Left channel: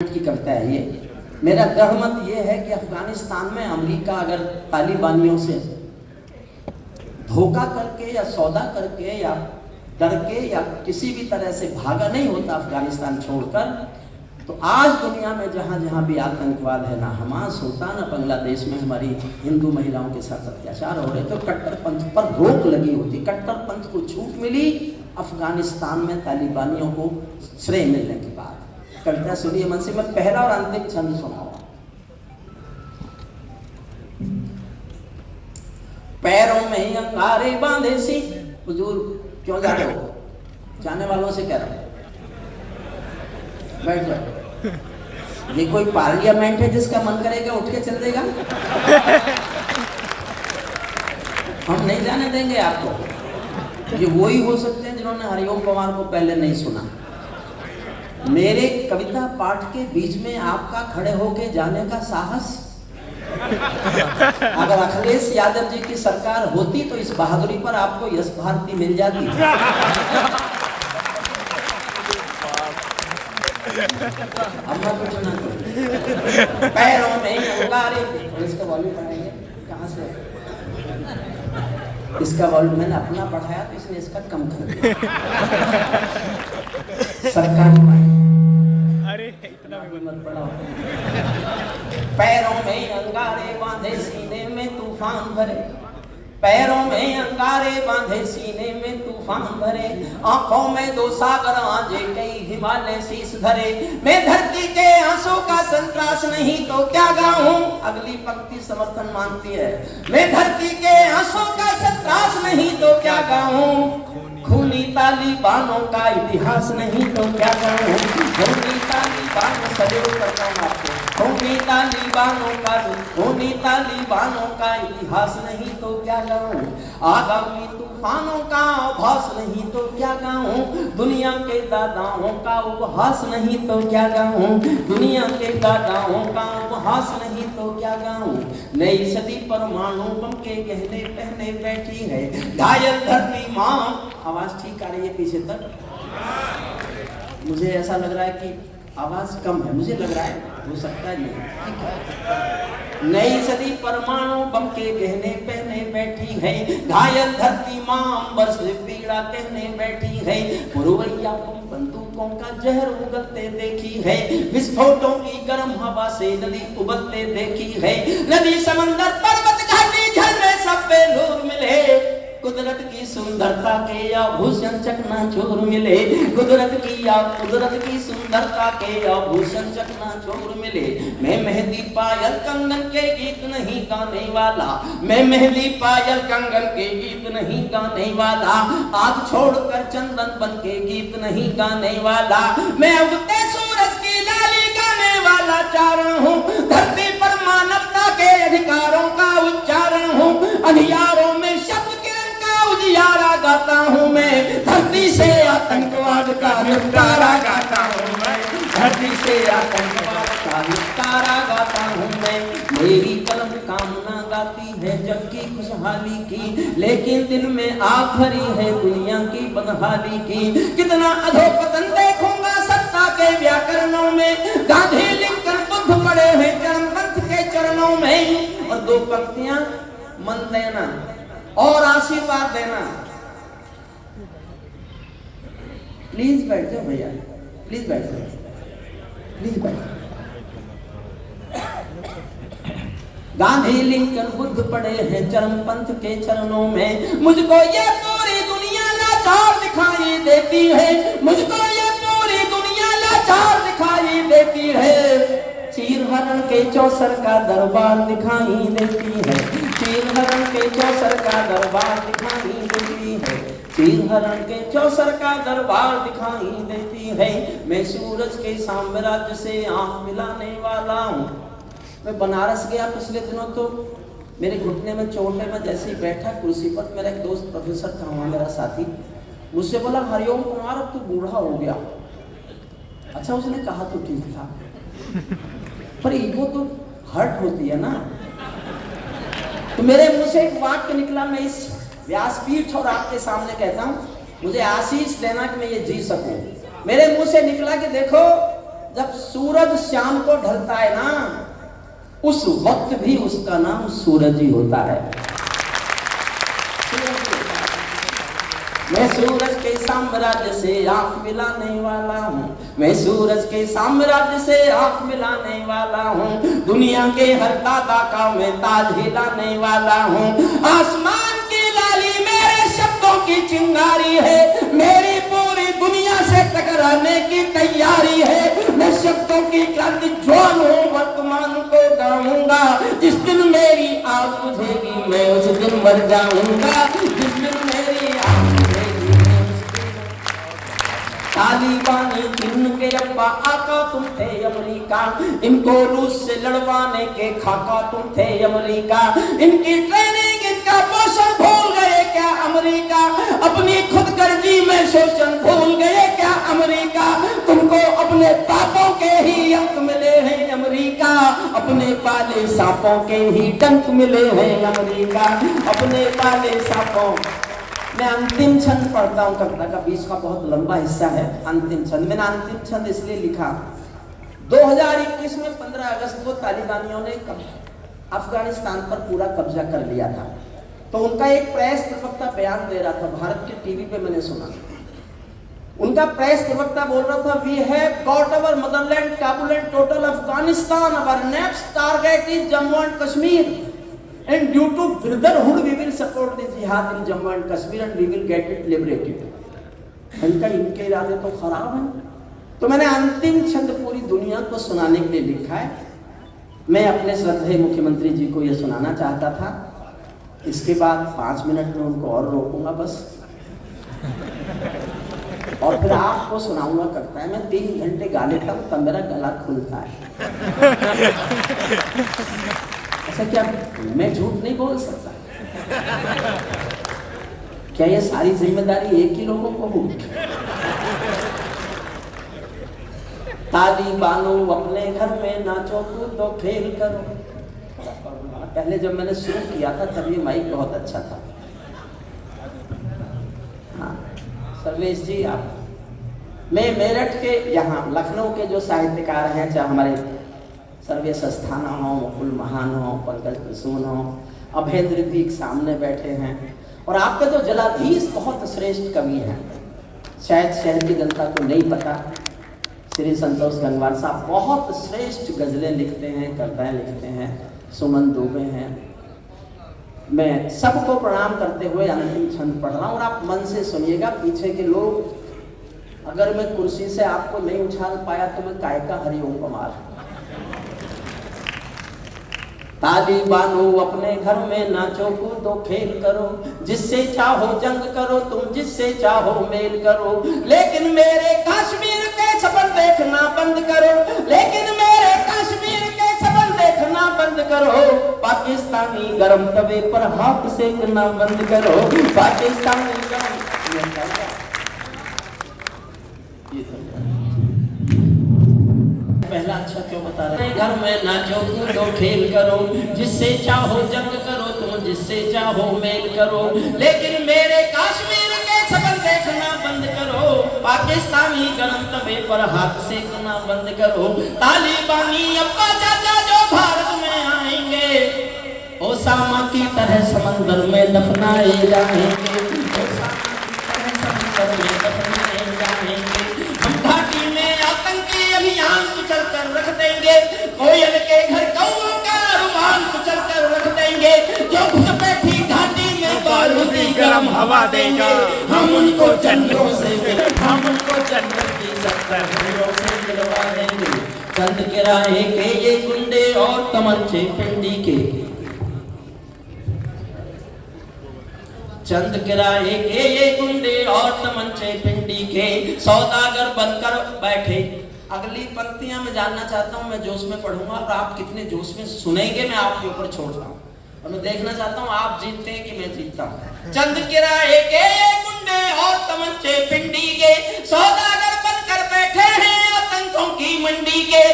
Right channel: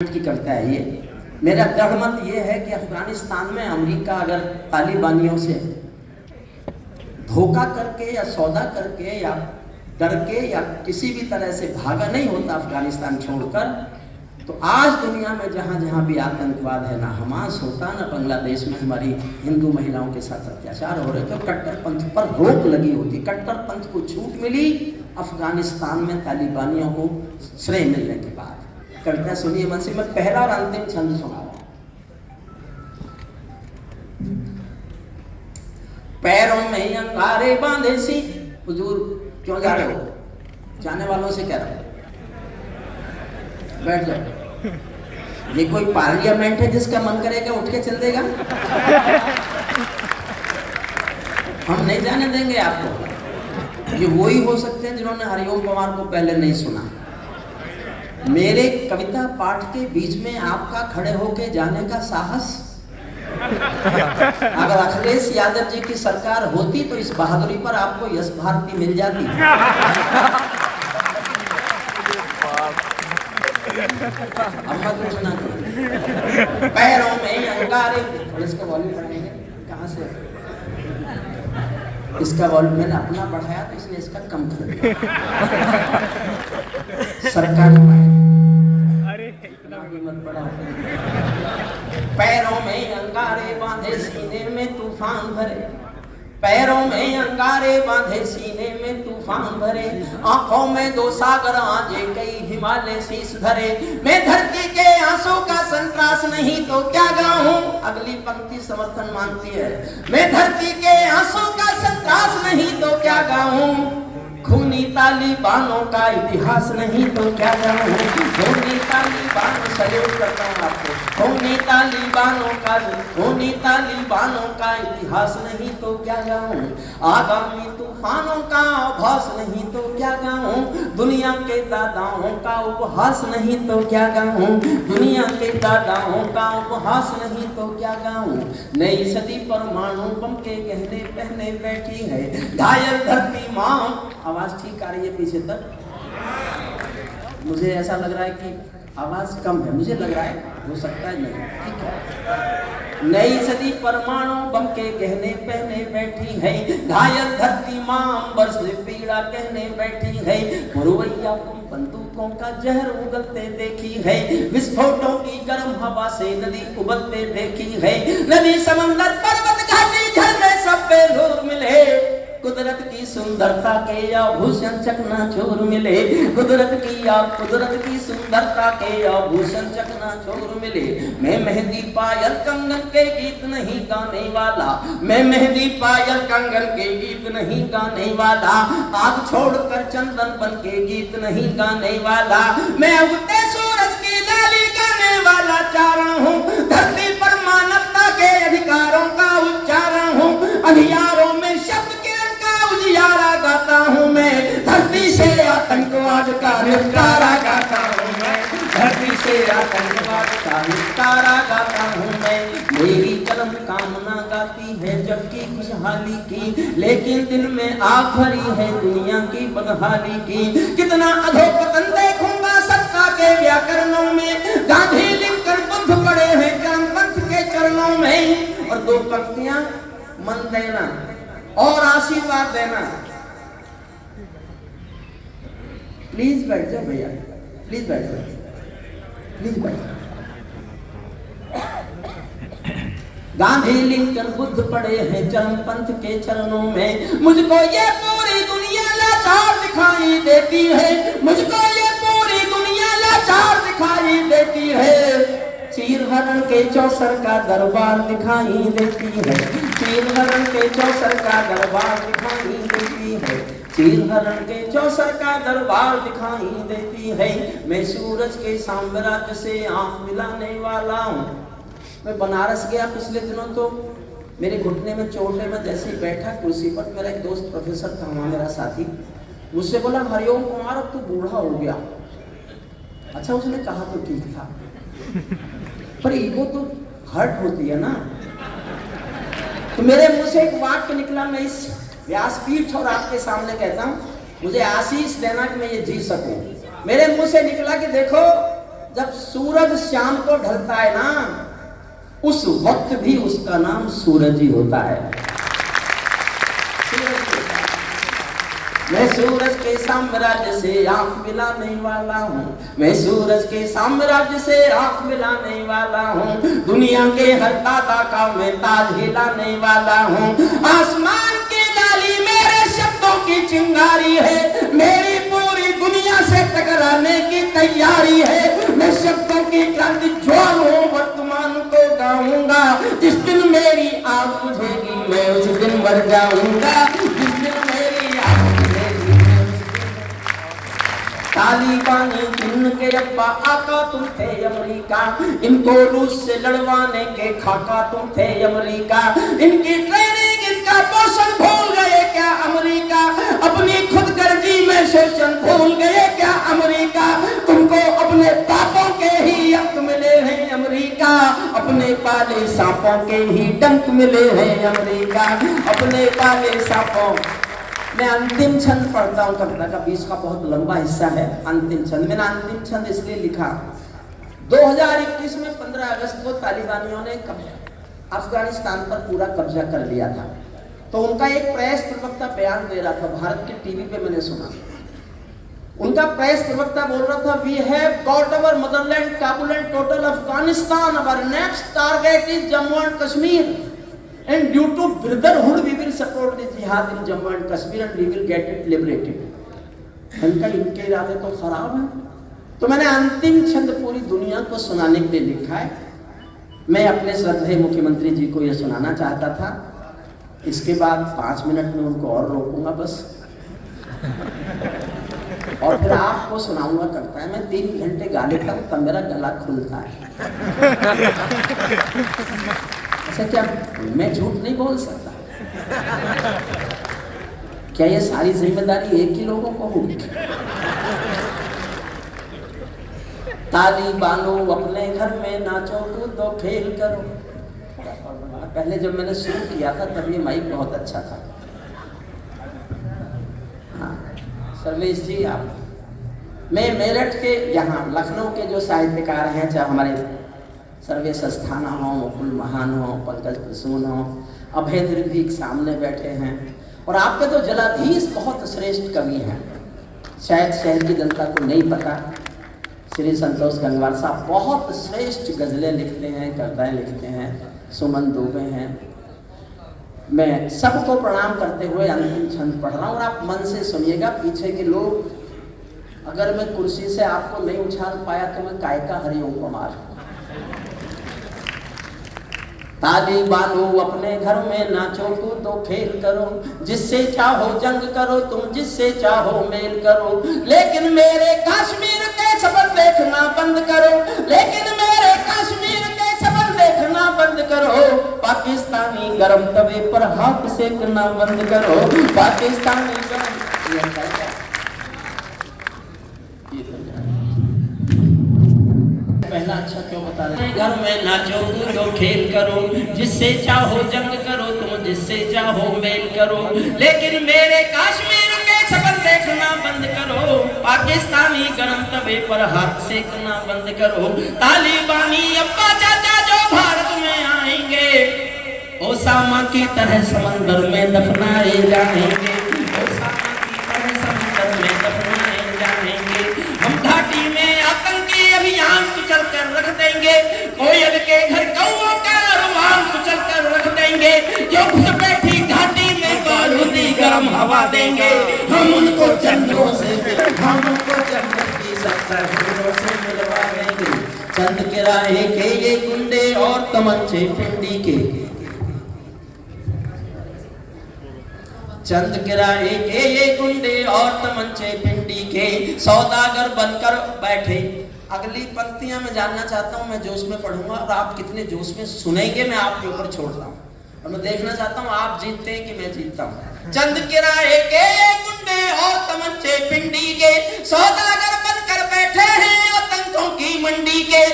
की करता है। ये मेरा दृढ़ मत ये है कि अफगानिस्तान में अमेरिका अगर तालिबानियों से धोखा करके या सौदा करके या डर के या किसी भी तरह से भागा नहीं होता अफगानिस्तान छोड़कर, तो आज दुनिया में जहाँ जहाँ भी आतंकवाद है, ना हमास होता, ना बांग्लादेश में हमारी हिंदू महिलाओं के साथ अत्याचार हो रहे, तो कट्टरपंथ पर रोक लगी होती। कट्टरपंथ को छूट मिली अफगानिस्तान में तालिबानियों को श्रेय मिलने के बाद। करता सुनिए मन से, मैं पहला और अंतिम छंद सुनाऊंगा। पैरों में अंगारे बांधे सी, हुजूर क्यों जा रहे हो? जाने वालों से कह रहे हो बैठ जाओ। ये कोई पार्लियामेंट है जिसका मन करेगा उठ के चल देगा? हम नहीं जाने देंगे आपको। ये वही हो सकते हैं जिन्होंने हरिओम पवार को पहले नहीं सुना। मेरे कविता पाठ के बीच में आपका खड़े होके जाने का साहस? अगर अखिलेश यादव जी की सरकार होती तो इस बहादुरी पर आपको यश भारती मिल जाती। पैरों में अंगारे, इसका वॉल्यूम बढ़ाएंगे कहाँ से? इसका वॉल्यूम मैंने अपना बढ़ाया तो इसने इसका कम कर दिया। सरकार अरे इतना भी मत पड़ा। पैरों में अंगारे बांधे सीने में तूफान भरे, पैरों में अंगारे बांधे सीने में तूफान भरे, आंखों में दो सागर आजे कई हिमालय शीश धरे। मैं धरती के आंसू का संतरास नहीं तो क्या गाऊं? अगली पंक्ति समर्थन मांगती है। मैं धरती के आंसू का संतरास नहीं तो क्या गाऊं? खूनी तालिबानों का इतिहास नहीं तो क्या गाऊं? खूनी तालिबानों सल्यूट करता हूं आपको। खूनी तालिबानों का इतिहास नहीं तो क्या गाऊं? आगामी तूफानों का आभास नहीं तो क्या गाऊं? दुनिया के दादाओं का उपहास नहीं तो क्या गाऊं? दुनिया के दादाओं का उपहास नहीं तो क्या गाऊं? नई सदी परमाणु बम के गहने पहने बैठी है घायल धरती माँ। आवाज ठीक आ रही है पीछे तक? मुझे ऐसा लग रहा है कि आवाज कम है, मुझे लग रहा है, हो सकता है नहीं। ठीक है। नई सदी परमाणु बम के गहने पहने बैठी है घायल धरती माँ, अंबर से पीड़ा कहने बैठी है। पुरवैया बंदूकों का जहर उगलते देखी है, विस्फोटों की गर्म हवा से नदी उबलते देखी है। नदी समंदर पर्वत घाटी झरने सब पे नूर मिले, कुदरत की सुंदरता के आभूषण चकनाचूर मिले। कुदरत की सुंदरता के आभूषण चकनाचूर मिले। मैं मेहंदी पायल कंगन के गीत नहीं गाने वाला, मैं मेहंदी पायल कंगन के गीत नहीं गाने वाला, आग छोड़कर चंदन बन के गीत नहीं गाने वाला। मैं उगते सूरज की लाली गाने वाला चारण हूँ, धरती पर मानवता के अधिकारों का उच्चारण हूँ। अंधियारों में शब्द उजियारा गाता हूँ मैं, धरती से आतंकवाद का निपटारा गाता हूँ मैं, धरती से आतंकवाद का निपटारा गाता हूँ मैं। मेरी कलम कामना गाती है जबकि खुशहाली की, लेकिन दिल में आग भरी है दुनिया की बदहाली की। कितना अधोपतन देखूंगा सत्ता के व्याकरणों में, गांधी लिंकन बुद्ध पड़े हैं चरमपंथ के चरणों में। और दो पंक्तियां मन देना और आशीर्वाद देना। प्लीज बैठ जाओ भैया, प्लीज बैठ जाओ, प्लीज बैठ जाओ। गांधी लिंकन बुद्ध पड़े हैं चरमपंथ के चरणों में। मुझको ये पूरी दुनिया लाचार दिखाई देती है, मुझको ये पूरी दुनिया लाचार दिखाई देती है। चीर हरण के चौसर का दरबार दिखाई देती है, चीर हरण के चौसर का दरबार दिखाई देती है, चीर हरण के चौसर का दरबार दिखाई देती है। मैं सूरज के साम्राज्य से आंख मिलाने वाला हूँ। मैं बनारस गया पिछले दिनों, तो मेरे घुटने में चोट है। मैं जैसे ही बैठा कुर्सी पर, मेरा एक दोस्त प्रोफेसर था वहाँ, मेरा साथी, मुझसे बोला हरिओम कुमार अब तू बूढ़ा हो गया। अच्छा, उसने कहा तो ठीक था, पर ईगो तो हर्ट होती है ना। तो मेरे मुंह से एक वाक्य निकला, मैं इस व्यासपीठ और आपके सामने कहता हूँ, मुझे आशीष देना कि मैं ये जी सकूं। मेरे मुंह से निकला कि देखो जब सूरज शाम को ढलता है ना, उस वक्त भी उसका नाम सूरज ही होता है। मैं सूरज के साम्राज्य से आंख मिलाने वाला हूँ, मैं सूरज के साम्राज्य से आंख मिलाने वाला हूँ, दुनिया के हर तारा का मैं ताज हिलाने वाला हूँ। आसमान की लाली मेरे शब्दों की चिंगारी है, मेरी पूरी दुनिया से टकराने की तैयारी है। मैं शब्दों की क्रांति ज्वाल हूँ, वर्तमान को गाऊंगा, जिस दिन मेरी आग बुझेगी मैं उस दिन मर जाऊंगा। तालिबानी जिनके अब्बा आका तुम थे अमेरिका, इनको रूस से लड़वाने के खाका तुम थे अमेरिका। इनकी ट्रेनिंग इनका पोषण भूल गए क्या अमेरिका, अपनी खुदगर्जी में शोषण भूल गए क्या अमेरिका। तुमको अपने पापों के ही अंक मिले हैं अमेरिका, अपने पाले सांपों के ही डंक मिले हैं अमेरिका, अपने पाले सांपों। मैं अंतिम छंद पढ़ता हूँ कविता का, 20 का बहुत लंबा हिस्सा है। अंतिम छंद, मैंने अंतिम छंद इसलिए लिखा, 2021 में 15 अगस्त को तालिबानियों ने अफगानिस्तान पर पूरा कब्जा कर लिया था। तो उनका एक प्रेस प्रवक्ता बयान दे रहा था, भारत के टीवी पे मैंने सुना। उनका प्रेस प्रवक्ता बोल रहा था, we have got our motherland Kabul and total Afghanistan, our next target is Jammu and Kashmir, and due to brotherhood we will support the jihad in Jammu and Kashmir and we will get it liberated। इनके इरादे तो खराब है। तो मैंने अंतिम छंद पूरी दुनिया को सुनाने के लिए लिखा है। मैं अपने श्रद्धेय मुख्यमंत्री जी को यह सुनाना चाहता था, इसके बाद 5 मिनट में उनको और रोकूंगा बस, और फिर आपको सुनाऊंगा कविता। मैं 3 घंटे गा लेता हूँ तब मेरा गला खुलता है। ऐसा क्या मैं झूठ नहीं बोल सकता? क्या ये सारी जिम्मेदारी एक ही लोगों को होगी? तालिबानो अपने घर में नाचो कूदो खेल करो। पहले जब मैंने शुरू किया था तब ये माइक बहुत अच्छा था। सर्वेश जी, आप, मैं मेरठ के यहाँ लखनऊ के जो साहित्यकार हैं, चाहे हमारे सर्वेश अस्थाना हो, मुकुल महान हो, पंकज कुसुम हो, अभय द्विवेदी सामने बैठे हैं, और आपके तो जलाधीश बहुत श्रेष्ठ कवि हैं, शायद शहर की जनता को नहीं पता। श्री संतोष गंगवार साहब बहुत श्रेष्ठ गजलें लिखते हैं, कविताएं लिखते हैं, सुमन दुबे हैं। मैं सबको प्रणाम करते हुए अंतिम छंद पढ़ रहा हूँ और आप मन से सुनिएगा। पीछे के लोग, अगर मैं कुर्सी से आपको नहीं उछाल पाया तो मैं काय का हरिओम कुमार। तालिबानो अपने घर में नाचो कूदो खेल करो, जिससे चाहो जंग करो तुम, जिससे चाहो मेल करो, लेकिन मेरे कश्मीर के सपन देखना बंद करो, लेकिन मेरे कश्मीर के सपन देखना बंद करो। पाकिस्तानी गरम तवे पर हाथ सेकना बंद करो, पाकिस्तानी पहला अच्छा क्यों बता रहे हैं? घर में नाचो कूदो खेल करो, जिससे चाहो जंग करो तुम, जिससे चाहो मेल करो, लेकिन मेरे कश्मीर के सपन देखना बंद करो, पाकिस्तानी गरम तवे पर हाथ सेकना बंद करो। तालिबानी अब्बा चाचा जो भारत में आएंगे, ओसामा की तरह समंदर में दफनाए जाएंगे, कोयल के घर कौओं का रुमाल कुचल कर रख देंगे, जो घुसपैठी घाटी में बारूदी गरम हवा देंगे। हम उनको जन्नतों से की 70 हीरों से मिलवा देंगे। चंद किराए के ये गुंडे और तमंचे पिंडी के, चंद किराए के ये गुंडे और तमंचे पिंडी के, सौदागर बनकर बैठे। अगली पंक्तियां मैं जानना चाहता हूं, मैं जोश में पढ़ूंगा और आप कितने जोश में सुनेंगे मैं आपके ऊपर छोड़ता हूं, और मैं देखना चाहता हूं आप जीतते हैं कि मैं जीतता हूं। चंद किराए के गुंडे और तमंचे पिंडी के, सौदागर बनकर बैठे हैं आतंकों की मंडी के,